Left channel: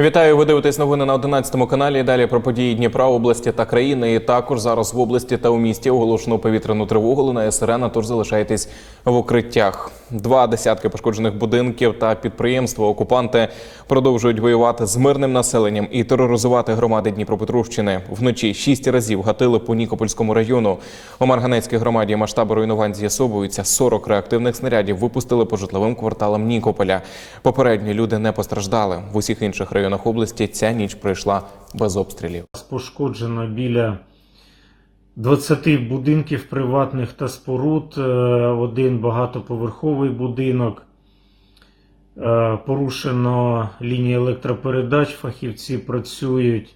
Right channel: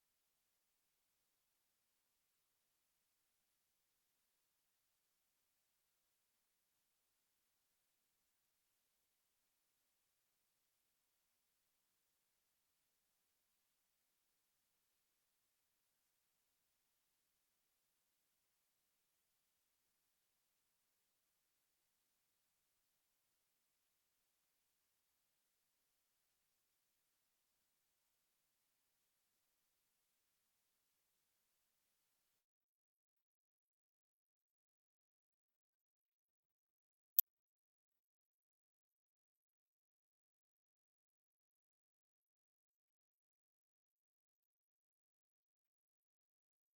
Вітаю, ви дивитесь новини на 11 каналі. Далі про події Дніпра, області та країни. І також зараз в області та у місті оголошено повітряну тривогу. Лунає сирена, тож залишайтесь в укриттях. Два десятки пошкоджених будинків та підприємства. Окупанти продовжують воювати з мирним населенням і тероризувати громади Дніпропетровщини. Вночі шість разів гатили по Нікопольському району. У Марганецькій громаді масштаби руйнувань з'ясовуються. 40 реактивних снарядів випустили по житловим кварталам Нікополя. Попередні люди не постраждали. В усіх інших районах області ця ніч пройшла без обстрілів. Пошкоджено біля 20 будинків приватних та споруд, е, один багатоповерховий будинок. Е, Порушено лінії електропередач, фахівці працюють.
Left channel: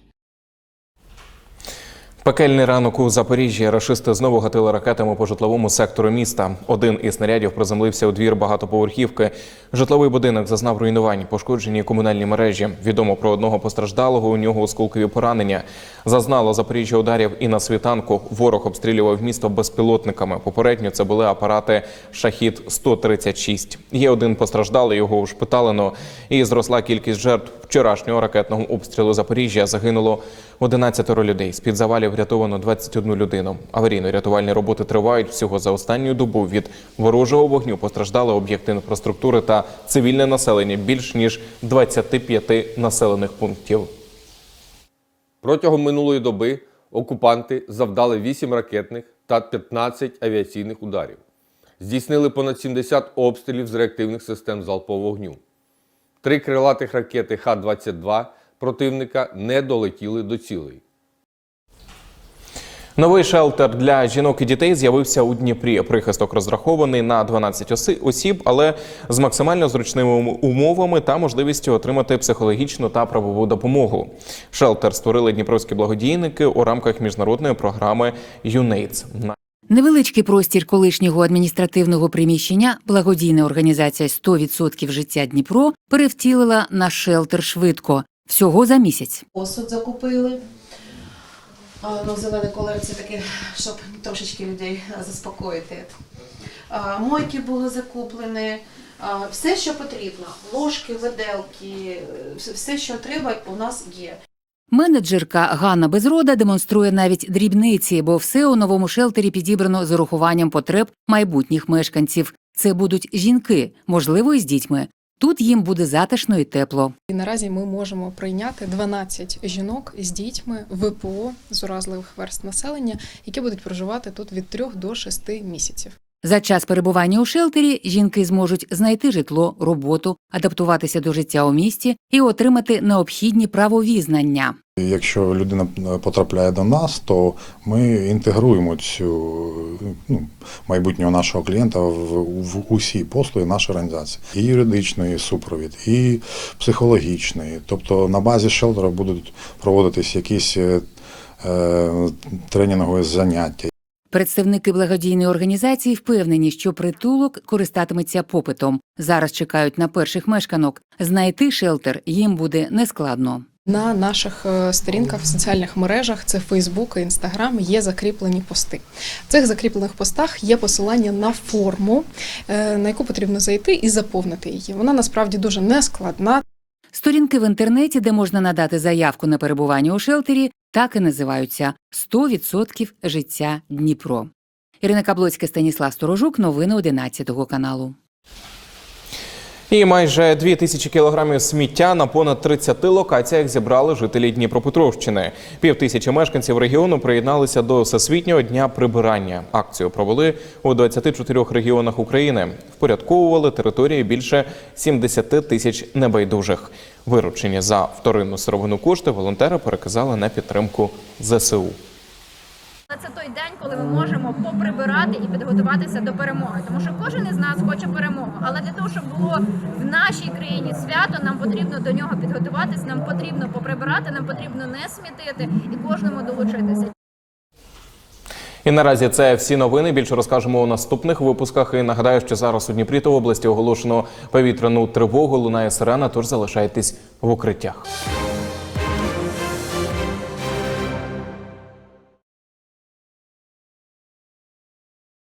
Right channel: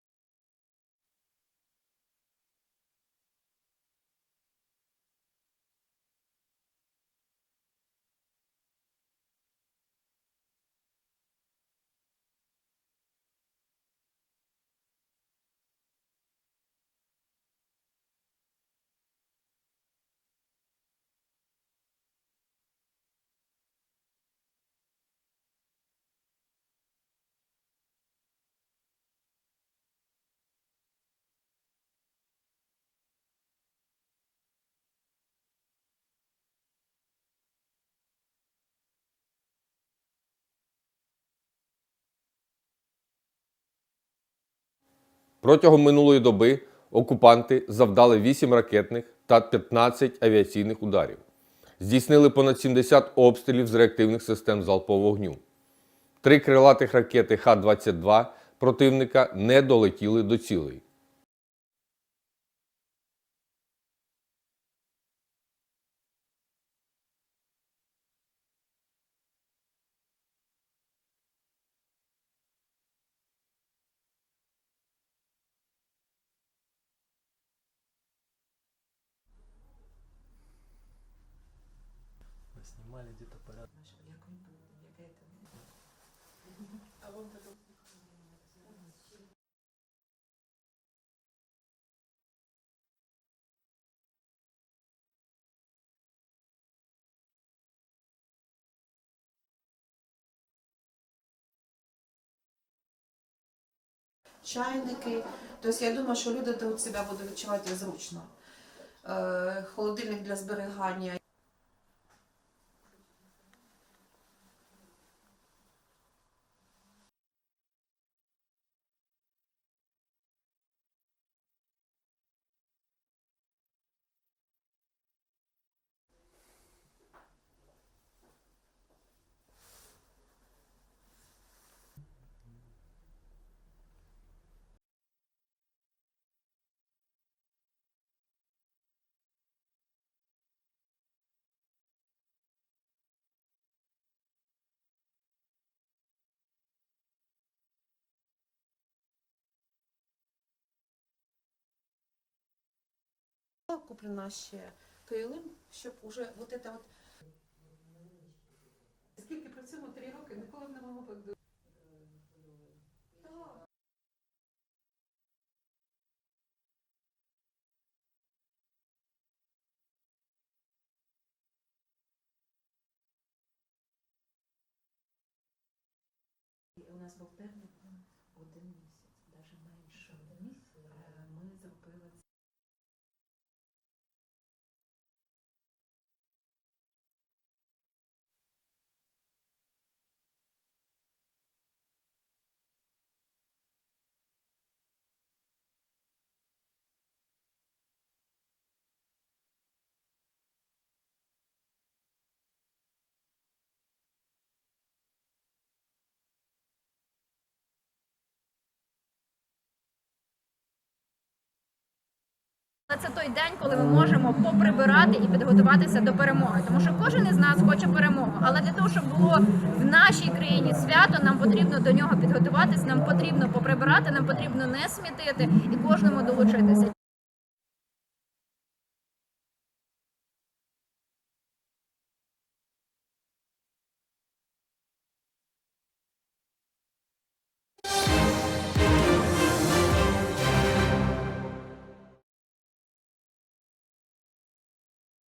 Пекельний ранок у Запоріжжі рашисти знову гатили ракетами по житловому сектору міста. Один із снарядів приземлився у двір багатоповерхівки. Житловий будинок зазнав руйнувань, пошкоджені комунальні мережі. Відомо про одного постраждалого. У нього осколкові поранення. Зазнало Запоріжжя ударів і на світанку. Ворог обстрілював місто безпілотниками. Попередньо це були апарати Шахід 136 Є один постраждалий. Його ушпиталено. І зросла кількість жертв вчорашнього ракетного обстрілу Запоріжжя. Загинуло 11 людей. З під завалів врятовано 21 людину. Аварійно-рятувальні роботи тривають всього за останню добу. Від ворожого вогню постраждали об'єкти інфраструктури та цивільне населення більш ніж 25 населених пунктів. Протягом минулої доби окупанти завдали 8 ракетних та 15 авіаційних ударів. Здійснили понад 70 обстрілів з реактивних систем залпового вогню. Три крилатих ракети Х-22 противника не долетіли до цілей. Новий шелтер для жінок і дітей з'явився у Дніпрі. Прихисток розрахований на 12 оси- осіб, але з максимально зручними умовами та можливістю отримати психологічну та правову допомогу. Шелтер створили дніпровські благодійники у рамках міжнародної програми «ЮНЕЙДС». Невеличкий простір колишнього адміністративного приміщення благодійна організація «100% життя Дніпро перевтілила на шелтер швидко всього за місяць. посуд закупили. Ну, зелений колір це таке, щоб трошечки людей заспокоїти. Мойки були закуплені, все, що потрібно. Ложки, виделки, все, що треба, у нас є. Менеджерка Ганна Безрода демонструє навіть дрібниці, бо все у новому шелтері підібрано з урахуванням потреб майбутніх мешканців. Це будуть жінки, можливо, і з дітьми. Тут їм буде затишно і тепло. І наразі ми можемо прийняти 12 жінок з дітьми ВПО з уразливих верст населення, які будуть проживати тут від 3 до 6 місяців. За час перебування у шелтері жінки зможуть знайти житло, роботу, адаптуватися до життя у місті і отримати необхідні правові знання. Якщо людина потрапляє до нас, то ми інтегруємо цю ну, майбутнього нашого клієнта в, в усі послуги нашої організації. І юридичний супровід, і психологічний. Тобто на базі шелтера будуть проводитись якісь е, е, тренінгові заняття. Представники благодійної організації впевнені, що притулок користатиметься попитом. Зараз чекають на перших мешканок. Знайти шелтер їм буде нескладно. На наших е, сторінках в соціальних мережах це Фейсбук і Інстаграм є закріплені пости. В цих закріплених постах є посилання на форму, е, на яку потрібно зайти і заповнити її. Вона насправді дуже нескладна. Сторінки в інтернеті, де можна надати заявку на перебування у шелтері, так і називаються «100% життя Дніпро. Ірина Каблоцька, Станіслав Сторожук. Новини 11 каналу. І майже дві тисячі кілограмів сміття на понад 30 локаціях зібрали жителі Дніпропетровщини. Пів тисячі мешканців регіону приєдналися до Всесвітнього дня прибирання. Акцію провели у 24 регіонах України. Впорядковували території більше 70 тисяч небайдужих. Виручені за вторинну сировину кошти волонтери переказали на підтримку ЗСУ. Це той день, коли ми можемо поприбирати і підготуватися до перемоги. Тому що кожен із нас хоче перемогу. Але для того, щоб було в нашій країні свято, нам потрібно до нього підготуватись, нам потрібно поприбирати, нам потрібно не смітити і кожному долучитися. І наразі це всі новини. Більше розкажемо у наступних випусках. І нагадаю, що зараз у Дніпрі та області оголошено повітряну тривогу. Лунає сирена, тож залишайтесь в укриттях.